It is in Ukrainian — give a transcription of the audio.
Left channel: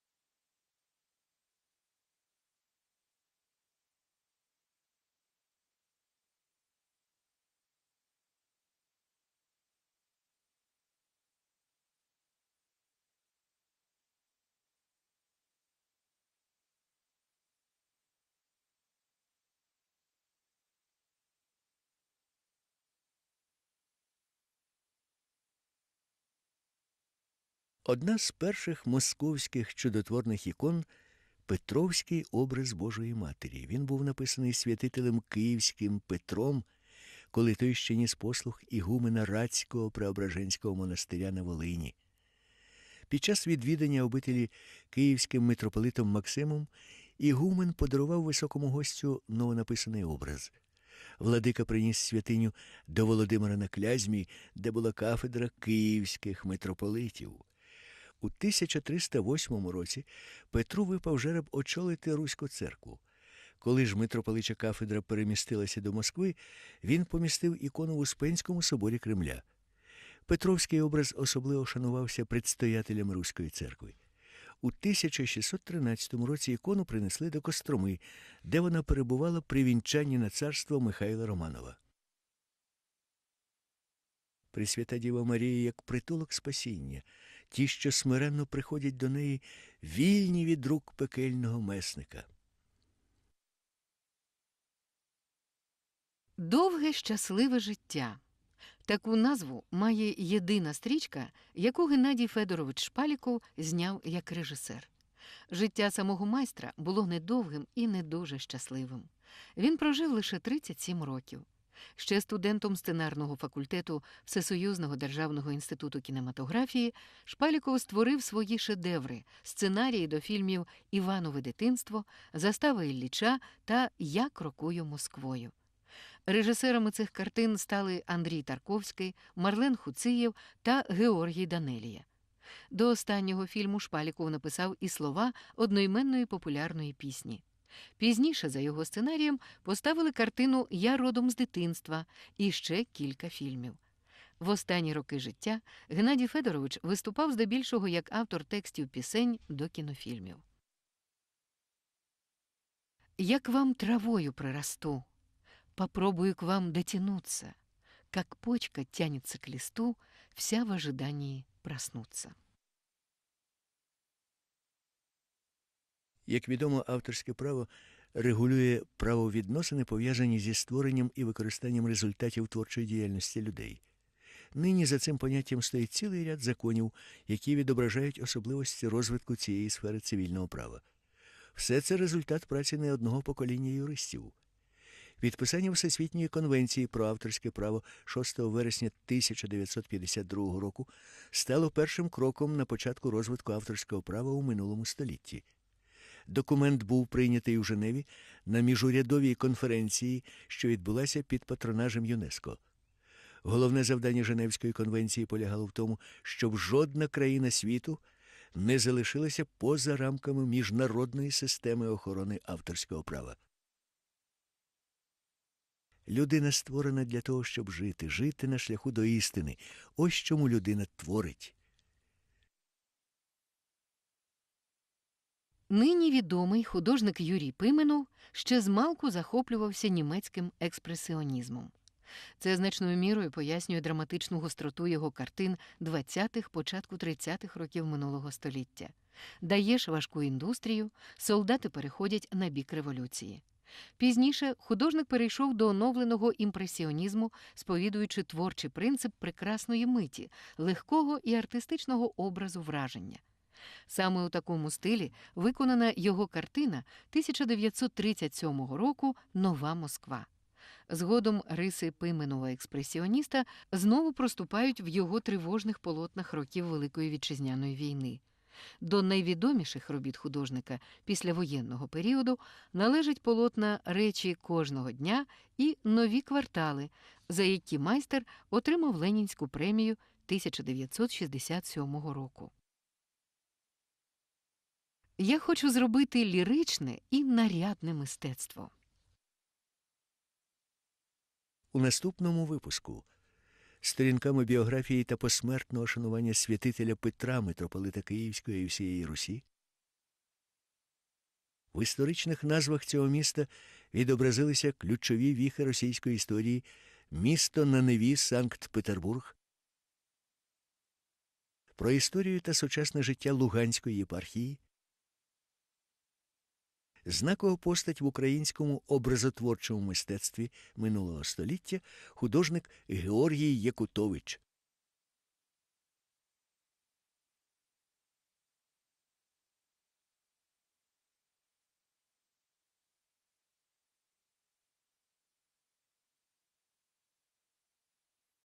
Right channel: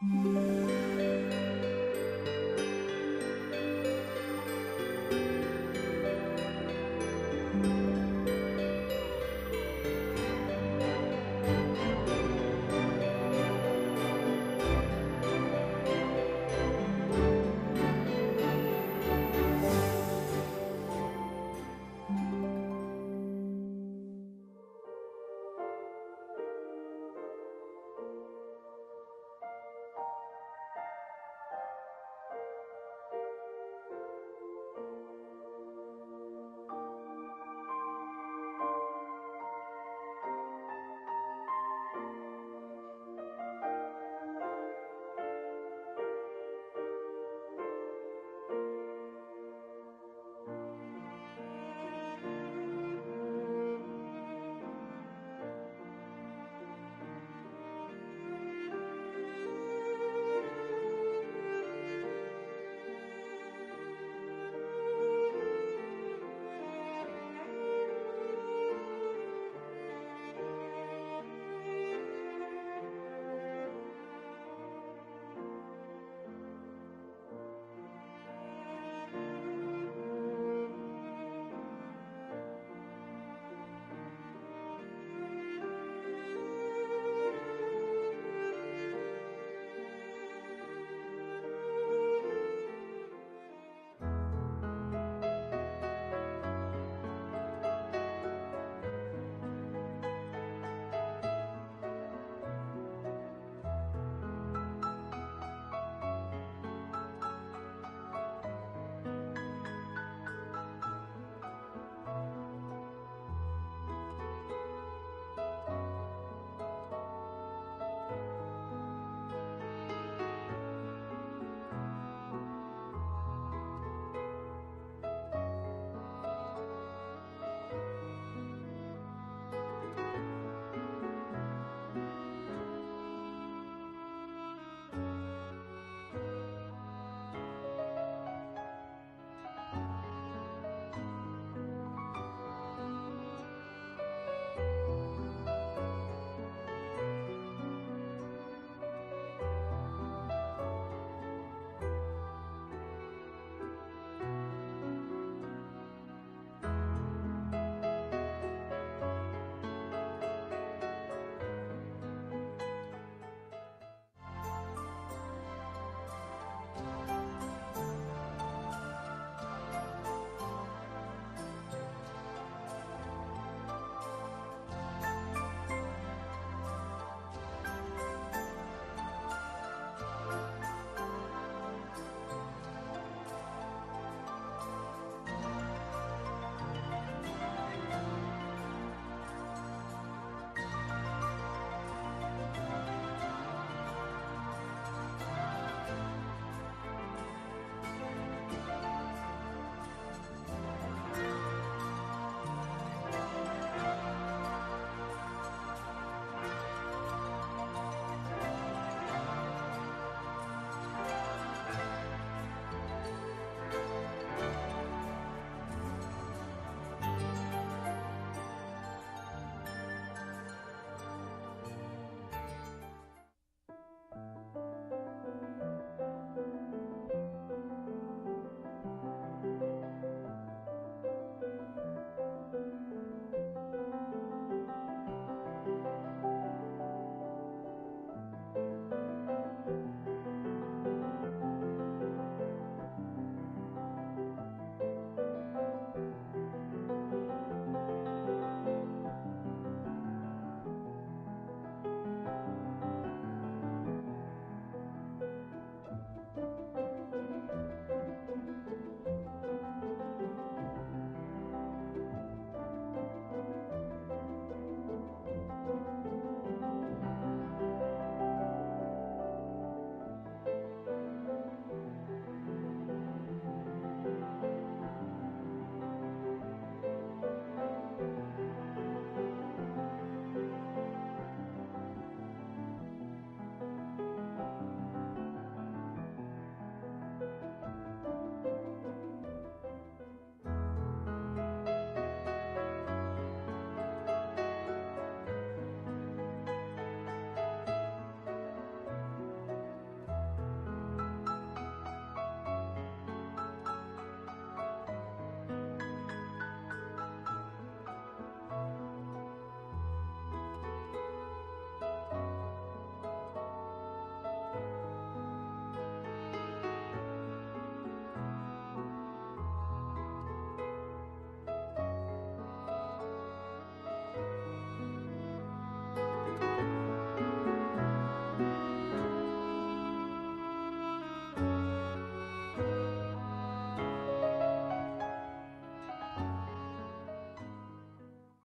Música Одна з перших московських чудотворних ікон Петровський образ Божої Матері. Він був написаний святителем Київським Петром, коли той ще ніс послух ігумена Рацького Преображенського монастиря на Волині. Під час відвідання обителі київським митрополитом Максимом Ігумен подарував високому гостю новонаписаний образ. Владика приніс святиню до Володимира на Клязьмі, де була кафедра київських митрополитів. У 1308 році Петру випав жереб очолити Руську церкву. Коли ж митрополича кафедра перемістилася до Москви, він помістив ікону в Успенському соборі Кремля. Петровський образ особливо шанувався предстоятелем Руської церкви. У 1613 році ікону принесли до Костроми, де вона перебувала при вінчанні на царство Михайла Романова. Пресвята Діва Марія як притулок спасіння, ті, що смиренно приходять до неї, вільні від рук пекельного месника. Довге щасливе життя. Таку назву має єдина стрічка, яку Геннадій Федорович Шпаліков зняв як режисер. Життя самого майстра було недовгим і не дуже щасливим. Він прожив лише 37 років. Ще студентом сценарного факультету Всесоюзного державного інституту кінематографії Шпаліков створив свої шедеври, сценарії до фільмів Іванове дитинство, Застава Ілліча та Я крокую Москвою. Режисерами цих картин стали Андрій Тарковський, Марлен Хуциєв та Георгій Данелія. До останнього фільму Шпаліков написав і слова одноіменної популярної пісні. Пізніше за його сценарієм поставили картину Я родом з дитинства і ще кілька фільмів. В останні роки життя Геннадій Федорович виступав здебільшого як автор текстів пісень до кінофільмів. Як вам травою прорасту, попробую к вам дотянуться, как почка тянется к листу, вся в ожидании проснуться. Як відомо, авторське право регулює правовідносини, пов'язані зі створенням і використанням результатів творчої діяльності людей. Нині за цим поняттям стоїть цілий ряд законів, які відображають особливості розвитку цієї сфери цивільного права. Все це результат праці не одного покоління юристів. Підписання Всесвітньої конвенції про авторське право 6 вересня 1952 року стало першим кроком на початку розвитку авторського права у минулому столітті. Документ був прийнятий у Женеві на міжурядовій конференції, що відбулася під патронажем ЮНЕСКО. Головне завдання Женевської конвенції полягало в тому, щоб жодна країна світу не залишилася поза рамками міжнародної системи охорони авторського права. Людина створена для того, щоб жити, жити на шляху до істини. Ось чому людина творить. Нині відомий художник Юрій Пименов ще змалку захоплювався німецьким експресіонізмом. Це значною мірою пояснює драматичну гостроту його картин 20-х, початку 30-х років минулого століття. Даєш важку індустрію, солдати переходять на бік революції. Пізніше художник перейшов до оновленого імпресіонізму, сповідуючи творчий принцип прекрасної миті, легкого і артистичного образу враження. Саме у такому стилі виконана його картина 1937 року Нова Москва. Згодом риси пименого експресіоніста знову проступають в його тривожних полотнах років Великої вітчизняної війни. До найвідоміших робіт художника післявоєнного періоду належать полотна речі кожного дня і нові квартали, за які майстер отримав Ленінську премію 1967 року. Я хочу зробити ліричне і нарядне мистецтво. У наступному випуску сторінками біографії та посмертного шанування святителя Петра, митрополита Київської і всієї Русі, В історичних назвах цього міста відобразилися ключові віхи російської історії місто на Неві Санкт-Петербург. Про історію та сучасне життя Луганської єпархії. Знакова постать в українському образотворчому мистецтві минулого століття художник Георгій Якутович.